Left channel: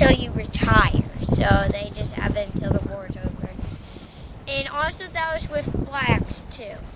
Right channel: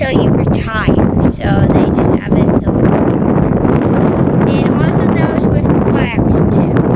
until you retire. So they just have it until the war's over. And also that was with blacks too.